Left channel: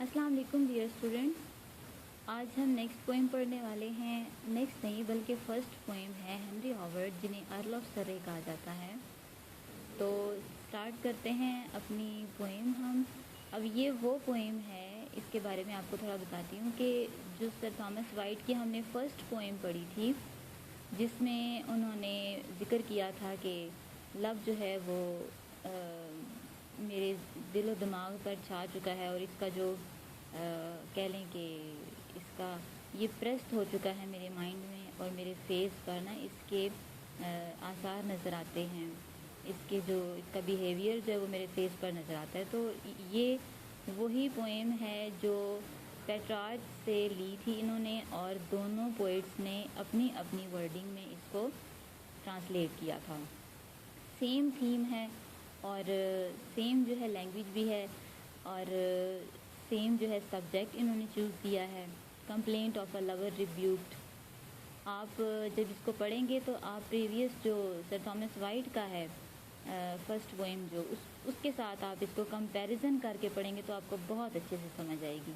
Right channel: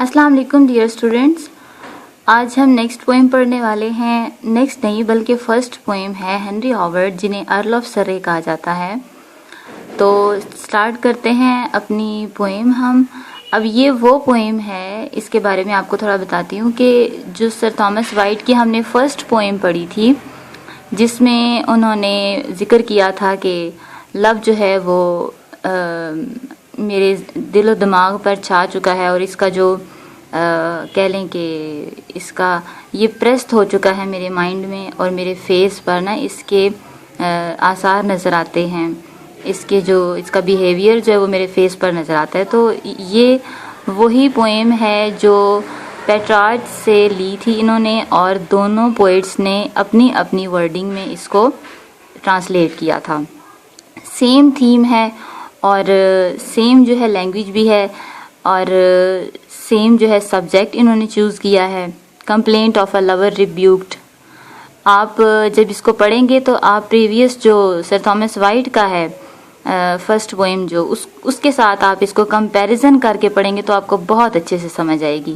السلام علیکم dear students. آج ہم نیکسٹ پوئم پڑھنے والے ہیں. نیکسٹ نہیں بلکہ فرسٹ پوئم ہے ہنری ہاورڈ جنہیں ارل آف سرے کہا جاتا ہے. تو سٹارٹ کرتے ہیں اپنی پوئم ہم. اب یہ وہ پوئم ہے، اس کے بارے میں آپ کو تھوڑا بتاتی ہوں کہ جو سر تھامس وائٹ کی ہم نے فرسٹ پوئم پڑھی تھی جس میں انہوں نے ذکر کیا تھا کہ لو جو ہے وہ میرے دل و دماغ پر چھا چکا ہے اور اس کا جو کہہ لیں کہ اس کا یہ پریسٹ ہو چکا ہے میرے مائنڈ میں اور میرے فیس پر نا اس کے آثار نظر آتے ہیں. اس کا بیہیویئر جو ہے وہ میرے فیس پر نظر آتا ہے. تو یہ وہی پوئم ہے جو پیٹرارچ سے لی تھی انہوں نے اور دونوں پوئٹس نے اپنی اپنی ورڈنگ میں اس کو ٹرانسلیٹ کیا تھا. سیم تھیم ہے اور سیم جو ہے لینگویج بھی ہے اور سیم جو ہے سبجیکٹ انہوں نے چوز کیا ہے. Complaint of a lover rebuked. آپ جب اس کو پڑھیں گے تو آپ پریویس جو سر تھامس وائٹ کا ہے فرسٹ پوئم جو اس کے ساتھ آپ اس کو کمپیریزن کر کے پڑھیں گے تو آپ کو بہت اچھے سے سمجھ آئے گی.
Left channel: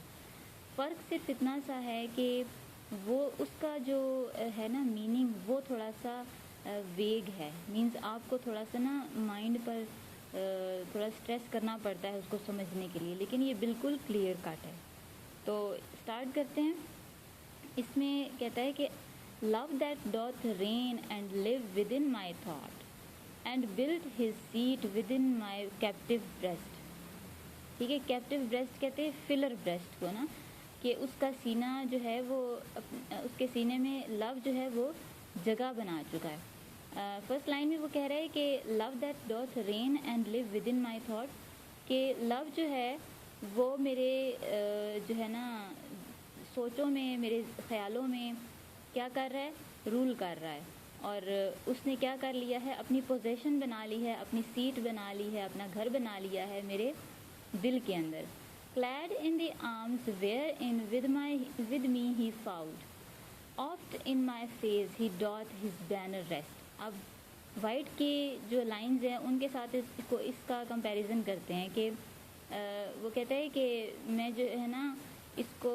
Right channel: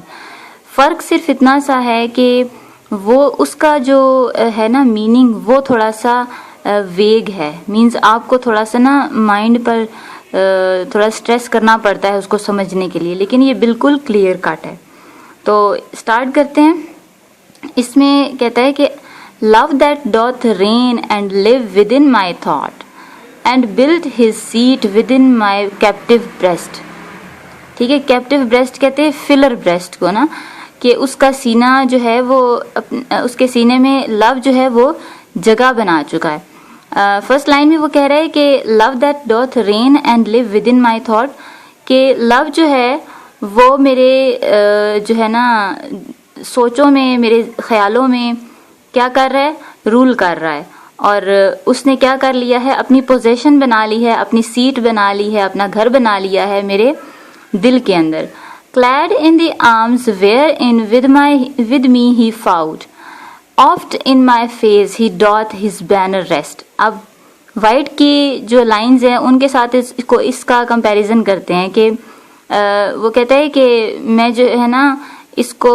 فرق صرف اتنا سا ہے کہ وہ اس کا جو ہے نا میننگ وہ تھوڑا سا ویگ ہے. مینز آپ کو تھوڑا سا نا مائنڈ پر تھوڑا سٹریس کرنا پڑتا ہے اس کو سمجھنے کے لیے، لیکن یہ بالکل کلیئر کٹ ہے. تو سٹارٹ کرتے ہیں. اس میں کہتا ہے کہ love that doth reign and live within my thought and built his seat within my captive breast. ٹھیک ہے، کیپٹیو بریسٹ کہتے ہیں فلر بریسٹ کو نا، کہ اس کا سینہ جو ہے وہ اس کے سینے میں لو جو ہے وہ جگہ بنا چکا ہے. فرسٹ لائن میں وہ کہہ رہا ہے کہ love that doth reign and live within my thought, کہ لو جو ہے وہ میرے جو ہے نا سوچوں میں، میرے خیالوں میں کیا کر رہا ہے، رول کر رہا ہے. اور اس نے کیا کر لیا ہے، اپنی پوزیشن بنا لی ہے، اپنی سیٹ بنا لی ہے، اپنا گھر بنا لیا ہے میرے دل کے اندر. clad in the arms wherein with me he fought, oft in my face he doth his banner rest. اب وائٹ کی جو لائنز ہیں ان کے ساتھ اس کا کمپیریزن کرتے ہیں کہ وہ کہتا ہے کہ میں جو ہے نا اس کو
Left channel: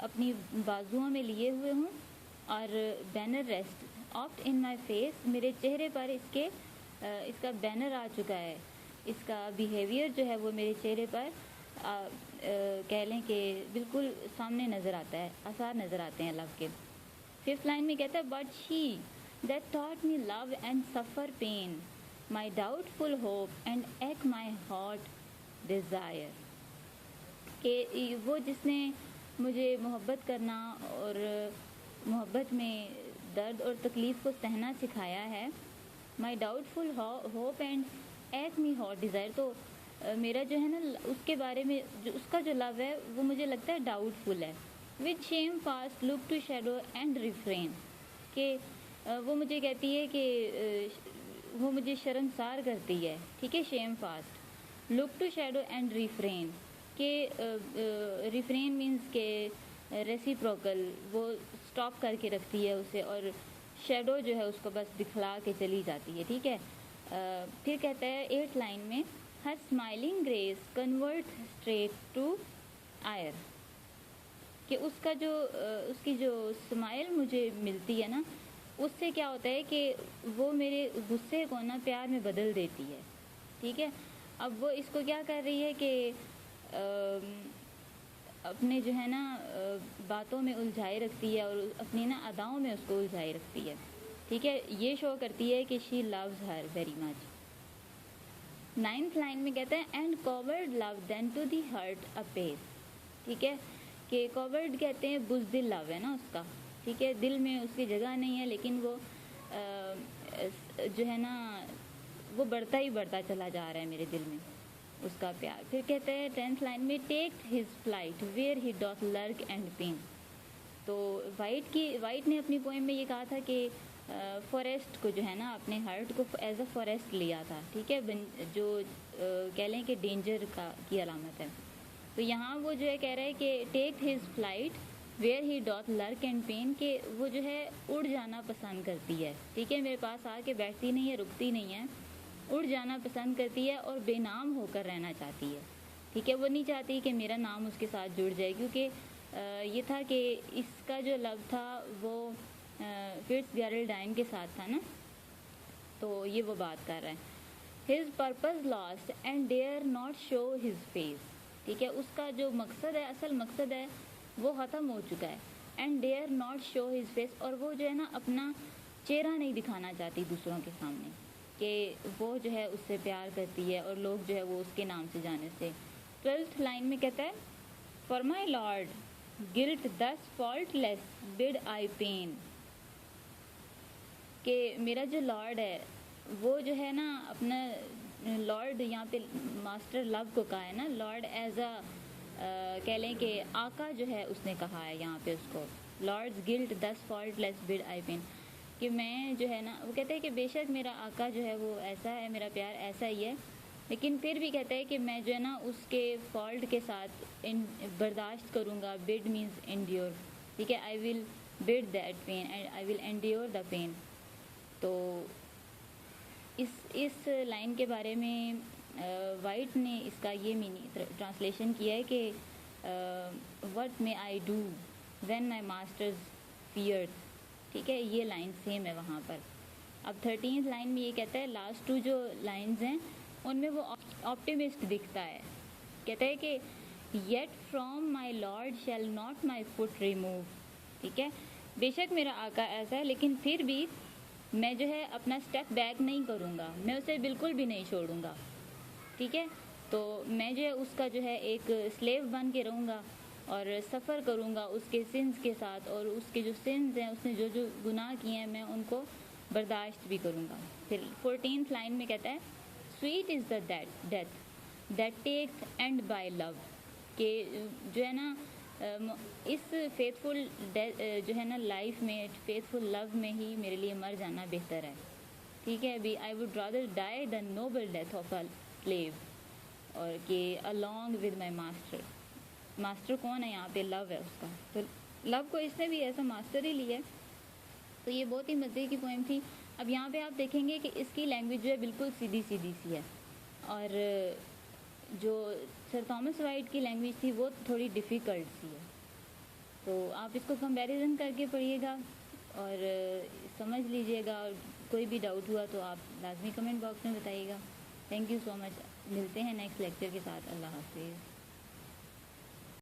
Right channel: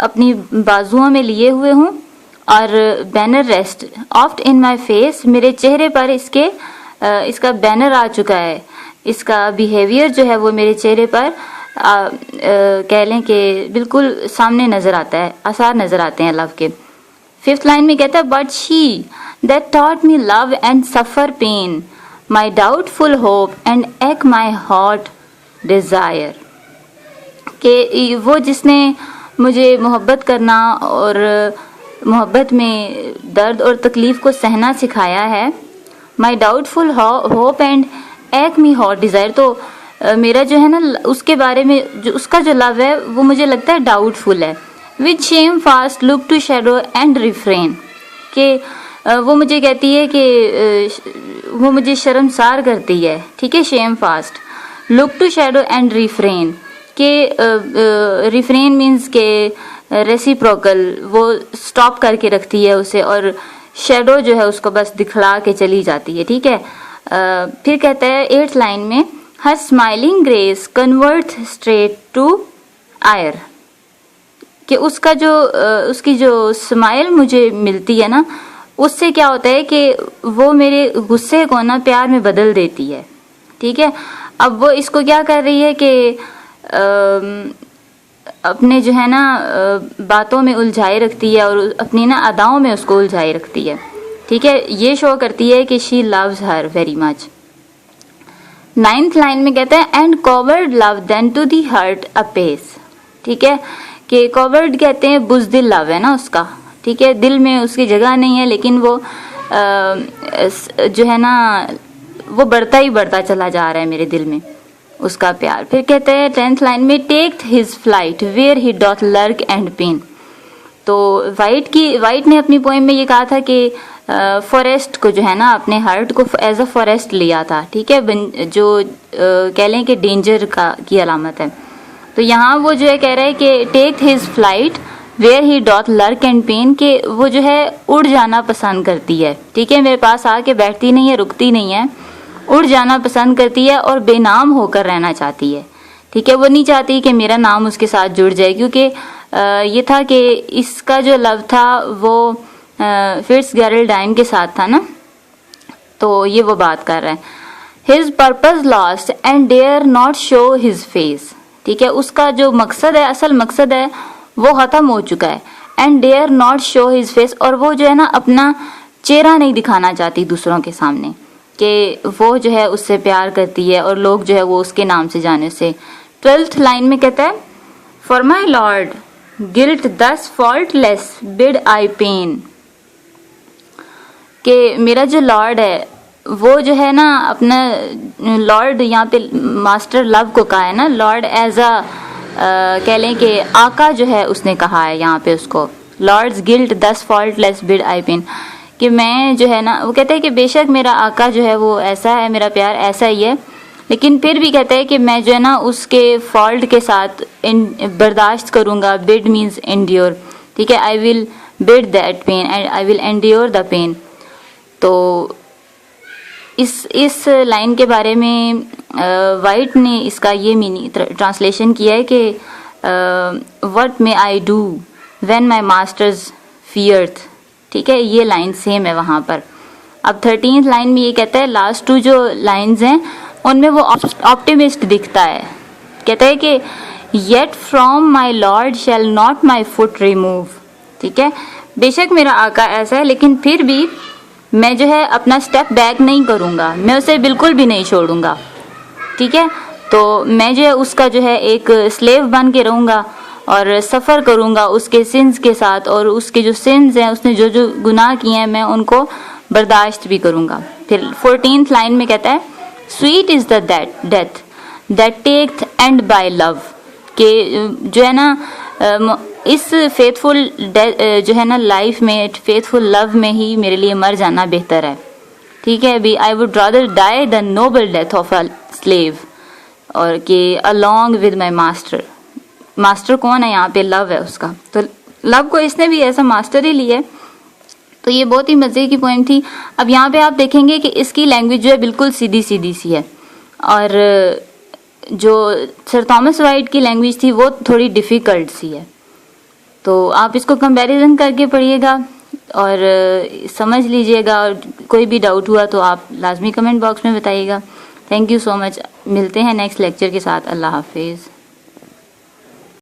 اپنی بازوؤں میں لیے ہوئے ہوں اور banner rest oft in my face, میرے چہرے پر اس کا بینر آ چکا ہے. اس کا بیہیویئر جو ہے وہ میرے چہرے پر کہہ لیں کہ بالکل سامنے نظر آتا ہے، آثار نظر آتے ہیں لو کے. ففتھ لائن میں کہتا ہے but she that taught me love and suffer pain my doubtful hope and eke my heart Dzire. کہ وہ جس نے مجھے محبت کرنا اور محبت میں درد اور تکلیف کو سہنا سکھایا ہے. مائی ڈاؤٹ فل ہوپ اینڈ ایک می ہارٹ ڈیزائر. تو میرا جو ہے نا اس کے بارے میں جو اس کا جو لو ہے وہ مجھے لگتا ہے ڈاؤٹ فل ہے. With shame fast look to shadow and refrain. کہ وہ مجھے کہتی ہے کہ وہ مجھے شرمسار کرتی ہے. ٹھیک ہے، شیم fast look to shadow and refrain. کہ ریفرین مینز کہ ریسیپروکل، وہ سٹاپ کر کے رکھتی ہے اسے، اور شیڈو جو ہے اس کو بس دکھلا کے چلی جاتی ہے. ٹھیک ہے. پھر کہتا ہے ایٹھ لائن میں her smiling grace convert straight to ire. کہ اس کی جو اسمائل مجھے ملتی ہے نا اس سے کیا ہوتا ہے کہ وہ میرے غصے کو نا پیار میں بدل دیتی ہے. ٹھیک ہے. اب وہ اس کو کیا کر رہی ہے کہ اپنے جو ہے نا باتوں میں الجھائے رکھتی ہے اور اپنی نا اداؤں میں اس کو الجھائے رکھتی ہے. ٹھیک ہے. یہ شو کرتی ہے کہ she loves her very much. Ninth line میں کہتے ہیں and coward love then to the heart apace. ٹھیک ہے. کہ کوورڈ کہتے ہیں بزدل لو ہے نا اس کا. ٹھیک ہے. دل میں اس کی جگہ نہیں ہے لیکن وہ جو ہے نا وہ بڑھتا ہی بڑھتا چلا جا رہا ہے میرے دل میں اس کا پیار. پھر کہتے ہیں 10th لائن میں take his flight where he doth lurk and pain. تو وائٹ نے اپنی پوئم میں یہ کہا تھا کہ فوریسٹ کو جو ہے نا اپنے ہارٹ کو ایز اے فوریسٹ لیا تھا. ٹھیک ہے. جو کہہ لیں کہ ڈینجر کی علامت ہے. تو یہاں وہ جو ہے کہہ رہا ہے کہ take his flight where he doth lurk and pain. کہ وہ جو ہے اڑ جانا پسند کرتی ہے. ٹھیک ہے. میرے پاس آ کے بیٹھتی نہیں ہے، رکتی نہیں ہے، اڑ جانا پسند کرتی ہے اور بے نام ہو کر رہنا چاہتی ہے. ٹھیک ہے. وہ نہیں چاہتی کہ میرا نام اس کے ساتھ جڑ جائے، کیونکہ یہ تھا کہ اس کا جو لو تھا وہ فٹز گیرلڈائن کے ساتھ تھا نا. تو یہ وہ بات کر رہا ہے. His purpose lost and dare not show his face. ٹھیک ہے، اس کا جو مقصد ہے، اصل مقصد ہے، وہ ختم ہو چکا ہے. And dare not show his face, اور وہ جو ہے نا اپنا چہرہ نہیں دکھانا چاہتی دوسروں کے سامنے کہ وہ جو ہے اس سے پیار کرتی ہے اور لوگ جو ہے وہ اس کے نام سے جانے سے. 12th لائن میں کہتا ہے for my lord guilt this faultless bid I pen, کہ میرا جو لارڈ ہے وہ جو ہے نا اپنا لارڈ، یہاں پہ ماسٹر لو کو کہا ہے نا، لارڈ ایز کہہ لیں کہ آقا جو ہے اس نے کہا ہے یہاں پہ اس کو. Lords guilt this faultless bid I pen, کہ میں جو ہے نا، وہ کہتے ہیں کہ بے شک میرا آقا جو ہے وہ ایسا ہے، میرا پیار ایسا ہی ہے، لیکن پھر بھی کہتا ہے کہ میں جو ہے نا اس کے فالٹ کے ساتھ برداشت کروں گا. بڈ مینز انڈیور. ٹھیک ہے، I will bide that pain and I will endure the pain. تو اس لائن کے بارے میں وائٹ نے اس کا یہ میننگ ٹرانسلیشن کیا ہے کہ what may I do when my masters feareth. ٹھیک ہے، یہ لائن سیم ہے وہاں پر. اب 13th لائن میں یہ کہتا ہے، لاسٹ 2 جو لائنز ہیں ان میں وہ آپٹیمسٹ دکھتا ہے. کہتا ہے کہ yet from my lord shall not my foot remove. ٹھیک ہے، بے شک میرا آقا ایسا ہے، لیکن پھر بھی میں جو ہے اپنا سٹیپ بیک نہیں کروں گا، میں اسے بالکل بھی نہیں چھوڑوں گا. ٹھیک ہے، تو میں جو ہے اس کا جو ہے ایک سلیو بن کے رہوں گا اور سفر کروں گا اس کے سنز کے ساتھ، اور اس کے جو سنز ہیں، اس نے جو جو گناہ کیے ہیں میں ان کو برداشت بھی کروں گا. پھر 14th لائن میں کہتا ہے sweet is the death that taketh end by love, کہ جو ہے نا اس فیتھ فل جو ہے نا لائف میں، فیتھ فل لو میں ہی میرے لیے مر جانا بہتر ہے. ٹھیک ہے، ابھی I would rather die the noble death of a slave, اور کہ along with my master. Master کون ہے یہاں پہ؟ لو ہے اس کا. تو لو کو اس نے بھی ایسا ماسٹر ہی لیا ہے. تو یہ بہت ہی مزے کی پوئم تھی. اب یہاں پہ آپ دیکھیں گے کہ اس کی لینگویج جو ہے بالکل سیدھی سیدھی سی ہے، اور جو سر تھامس وائٹ کی لینگویج تھی وہ تھوڑی ڈیفیکلٹ سی ہے. تو آپ اس کو کمپیریزن کر کے پڑھیے گا اور سمجھ لیجئے گا، اور کوئی بھی ڈاؤٹ ہوا تو آپ لازمی کمنٹ باکس میں بتائیے گا. تھینک یو سو مچ. ملتے ہیں نیکسٹ لیکچر کے ساتھ. اللہ حافظ.